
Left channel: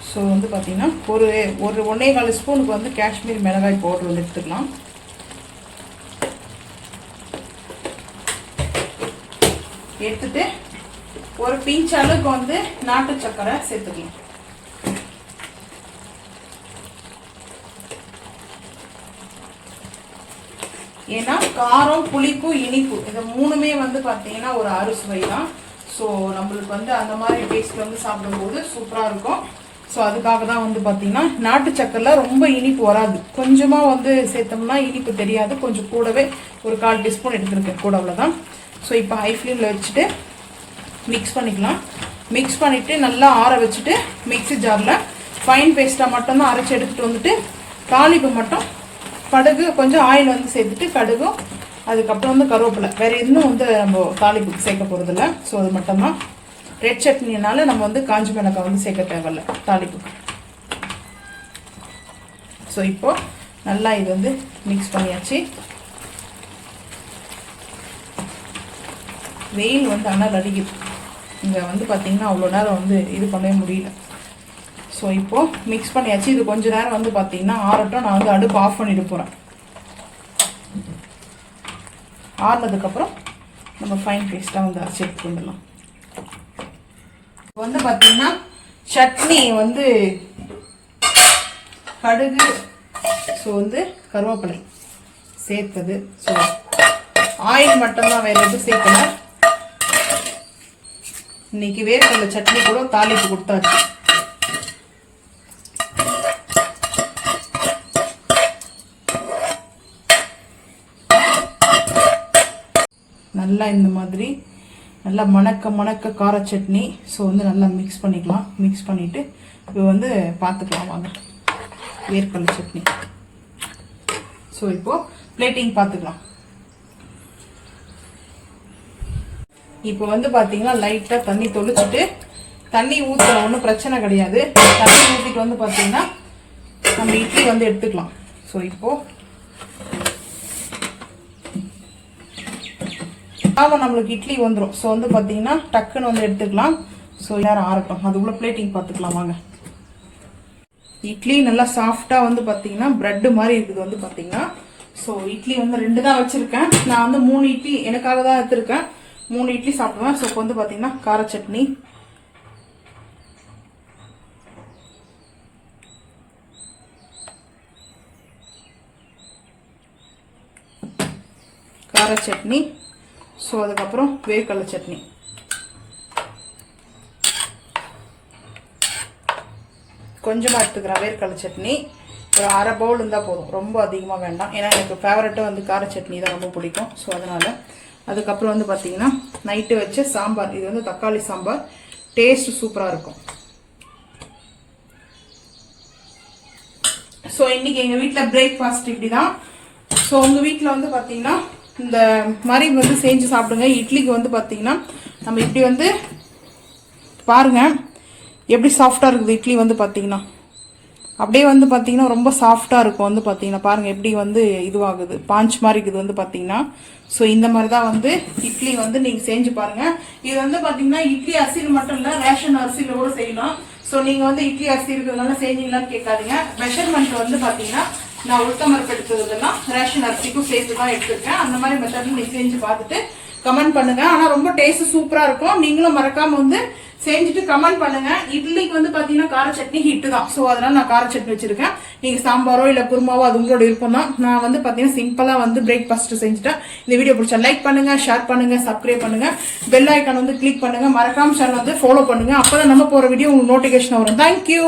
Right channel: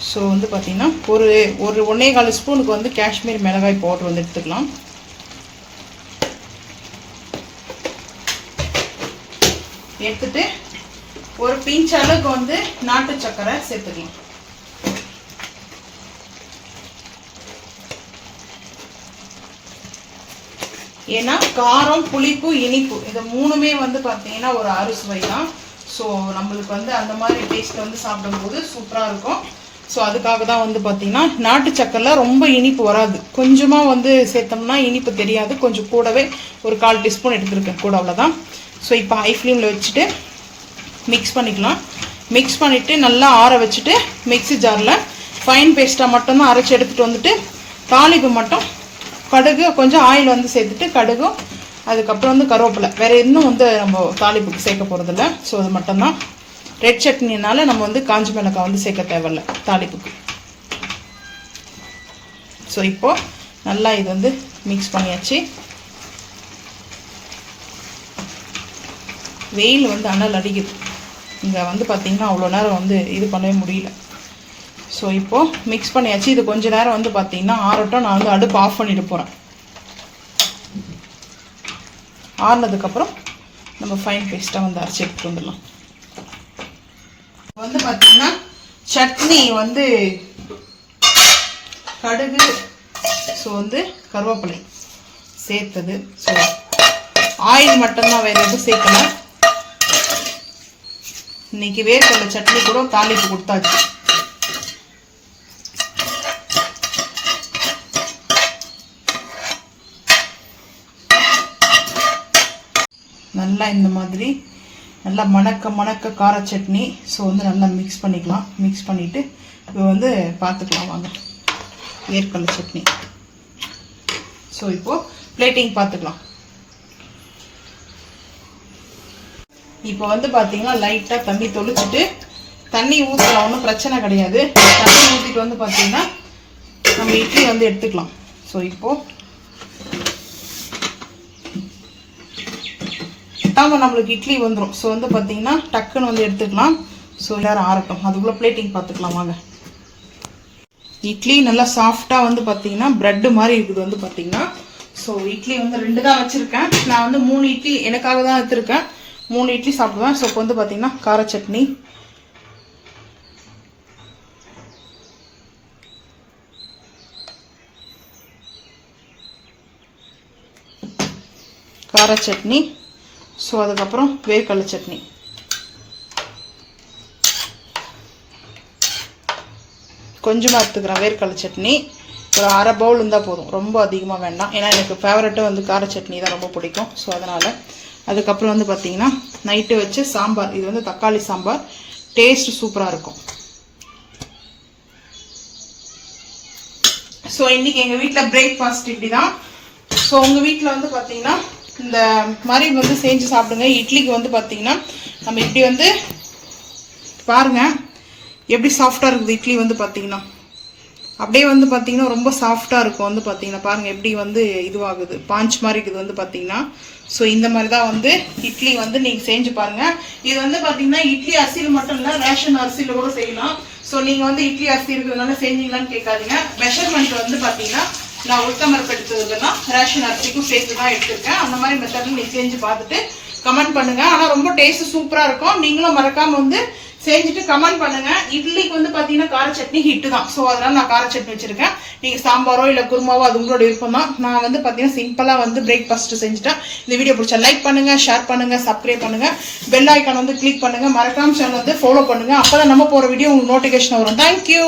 ஸோ வந்து பார்த்திங்கன்னா ஒரு 1.25 ஸ்பூனுக்கு வந்து காஷ்மீர் மிளகாய் பவுடர் வந்து எடுத்துக்கலாம். எடுத்துட்டு ஒரு பிஞ்ச் அளவுக்கு வந்து நாட்டு சக்கரை சேர்த்துக்கலாம். ஏன்னா காரம், புளிப்பு, இனிப்பு இது 3மே வந்து பார்த்தீங்கன்னா ஒரு அறுசுவை தான். ஸோ நம்மளுக்கு வந்து அந்த மாதிரி டேஸ்ட் வந்து சாப்பிடும்போது சூப்பராக இருக்கும். ஸோ அதுக்காக தான் வந்து பார்த்திங்கன்னா நாட்டு சக்கரையில் ரொம்ப இனிப்பு வராது. கொஞ்சமாக வந்து சேர்த்தோம்னா இனிப்பு தெரியாது. கொஞ்சம் கூடவே ஒரு 1/4 டீஸ்பூன் எடுத்துருக்கேன் கூட, அவ்வளோதான். ஸோ இப்போ ஹை ஃப்ளேமில் வச்சுட்டு மிக்ஸ் பண்ணிக்கலாம். மிக்ஸ் பண்ணிவிட்டு நல்லா ஆற வச்சுட்டு மிக்ஸி ஜாரில் ஃபைன் பேஸ்ட்டாக மட்டும்தான் அரைச்சி எடுத்துகிட்டு வந்துட்டு தாளிப்பு மட்டும் கடுகு கொஞ்சம் ஆயில் வந்து சேர்த்துட்டு கடுகும் அதுக்கப்புறம் வந்து கருவேப்பிலை, வேறு இன்னும் வந்து நம்ம தாளிப்புக்கு சேர்க்க போகிறதில்ல. ஸோ அது மட்டும்தான். ரெட் சட்னினால நம்ம வந்து காஞ்சி மிளகாய் வந்து சேர்க்க தேவையில்ல தாளிப்புக்கு. ஸோ இப்போது நல்லா இது வந்து மிக்ஸ் பண்ணியாச்சு. வெயில் வந்து அனல் அடிக்குது. இங்கே வந்து பார்த்திங்கன்னா அவ்வளோ நேரம் வந்து இது பண்ணவே முடியல. ஸோ இப்போது மிக்ஸ் பண்ணியாச்சு. இது கொஞ்சம் நேரம் வந்து பார்த்திங்கன்னா ஆறட்டும். நான் வந்து அடுப்பு ஆஃப் பண்ணிட்டு போகிறேன். ஆறுனதுக்கப்புறம் நம்ம ஃபைன் பேஸ்ட்டாக வந்து அரைச்சி எடுத்துட்டு வந்துடலாம். வந்து பார்த்திங்கன்னா சட்னி வந்து கடுகு, ஸோ வந்து கருவேப்பிலை சேர்த்தது. ஸோ ஆயில் மட்டும்தான், வேறு எதுவும் சேர்க்கல. இன்னைக்கு வேர்க்கடலை சட்னி கூட தாளிப்பு கொடுத்தாச்சு. நல்லா இந்த மாதிரி நல்லா மணக்க கார சட்னி. ஸோ வந்து நல்லா மிக்ஸ் பண்ணிக்கலாம். மிக்ஸ் பண்ணிவிட்டு இப்போ வந்து பார்த்துக்கலாம் வாங்க வேர்க்கடலை சட்னி. ஸோ இப்போது பிளேட்டிங் பார்த்துக்கலாம். இப்போ வந்து பார்த்தீங்கன்னா லைட்டாக தண்ணி தொளிச்சுட்டு, தண்ணி ஊற்றலாம், ஒன்றும் பிரச்சனை கிடையாது. தண்ணி ஊற்றிட்டு வந்து பார்த்தீங்கன்னா நம்ம இட்லி வந்து எடுத்துக்கலாம். ஸோ இப்போது ஆமாம் நம்மளுக்கு இட்லி வந்துடும். ஸோ வந்து பார்த்தீங்கன்னா டக்குன்னு வந்து எடுத்துக்கலாம். ஸோ எல்லாரும் ஆறட்டும், அதுக்குள்ளே பிளேட்டிங் பார்த்துக்கலாம் வாங்க. இட்லி நல்லா சாஃப்டாக வந்து பார்த்தீங்கன்னா ப்ரெட்டு மாதிரி இருக்குது வந்து பார்த்தீங்கன்னா. ஸோ இட்லி வந்து 2 தான் வச்சுருக்கேன். நான் வந்து 3 இட்லி எனக்காக தான் எடுத்துருக்கேன். 3 இட்லி சாப்பிடுவேன். ஸோ இப்போ வந்து பார்த்தீங்கன்னா கார சட்னி, ஸோ அதுக்கப்புறம் வேர்க்கடலை சட்னி. கொஞ்சமாக எடுத்துக்கிறேன் வேர்க்கடலை சட்னி. ஒரு அரை பவுல் இருந்தால் போதும், ரொம்ப அதிகமாக வேண்டாம். ஏன்னா எனக்கு ஃபேவரட்டாக வந்து கார சட்னி தான் ரொம்ப பிடிக்கும். ஸோ அதனால் அதுக்கப்புறம் வந்து பார்த்தீங்கன்னா நைட்டு வச்ச சாம்பார். இது வந்து தக்காளி சாம்பார், டேஸ்ட் சூப்பராக இருக்கும். ஸோ இன்றைக்கி எங்கள் வீட்டில் பிரேக்ஃபாஸ்ட் இப்படி தான். ஸோ உங்கள் வீட்டில் வந்து பார்த்தீங்கன்னா இந்த மாதிரி வந்து செஞ்சு சாப்பிடுங்க. இட்லிக்கு வந்து பார்த்தீங்கன்னா நம்ம இப்படி வந்து பாருங்கள் எப்படி சாஃப்டாக இருக்குது இட்லி வந்து பார்த்தீங்கன்னா. அப்படியே வந்து பார்த்தீங்கன்னா ரொம்ப சாஃப்டாக இருக்கும் வந்து பார்த்தீங்கன்னா. பாருங்கள் எப்படி வந்து இதுவாகுது, பாஞ்ச் மாதிரி இருக்குது வந்து பார்த்தீங்கன்னா. ஸோ இந்த மாதிரி தான் வந்து இட்லி வந்து நீங்கள் செஞ்சு பாருங்கள். இது வந்து பார்த்தீங்கன்னா இட்லி அரிசியில் மட்டும் இல்லை, ரேஷன் அரிசியில் கூட செய்யலாம். ஸோ நீங்கள் வந்து இட்லி அரிசி இருக்கிறதுனால செஞ்சீங்களான்னு கேட்காதீங்க. மெஷர்மெண்ட் வந்து பார்த்தீங்கன்னா நான் உளுத்தம்பருப்பு எடுத்ததுலாம் ரேஷன் அரிசிக்கும் சேர்த்து தான் எடுத்துருக்கேன். அந்த மாதிரி மெத்தடில் நீங்கள் செஞ்சு பார்த்துட்டு கமெண்ட் பண்ணுங்கள். ஆனால் ரொம்ப டேஸ்ட்டு சூப்பராக இருக்கும். நீங்களும் மறக்காமல் வந்து செஞ்சுட்டு கமெண்ட் பண்ணுங்க. இட்லிக்கு வந்து பார்த்தீங்கன்னா கார சட்னி ஹிட்டு தான். ஸோ அதனால நான் கார சட்னி வச்சிருக்கேன். நீங்கள் சாம்பாரோ இல்லை குருமாவோ அது உங்களோட விருப்பம் தான். நான் வந்து பார்த்தீங்கன்னா சிம்பிளாக வந்து பிரேக்ஃபாஸ்ட் செஞ்சுட்டேன். இந்த வீடியோ பிடிச்சா லைக் பண்ணுங்க, ஷேர் பண்ணுங்க, சப்ஸ்கிரைப் பண்ணுங்க, பெல் ஐக்கான் வந்து கிளிக் பண்ணுங்க, மறக்காம சேனல் வந்து ஃபாலோ பண்ணுங்க. அப்போ தான் நம்ம போகிற வீடியோ உங்களுக்கு நோட்டிஃபிகேஷன் வரும். தேங்க்யூ.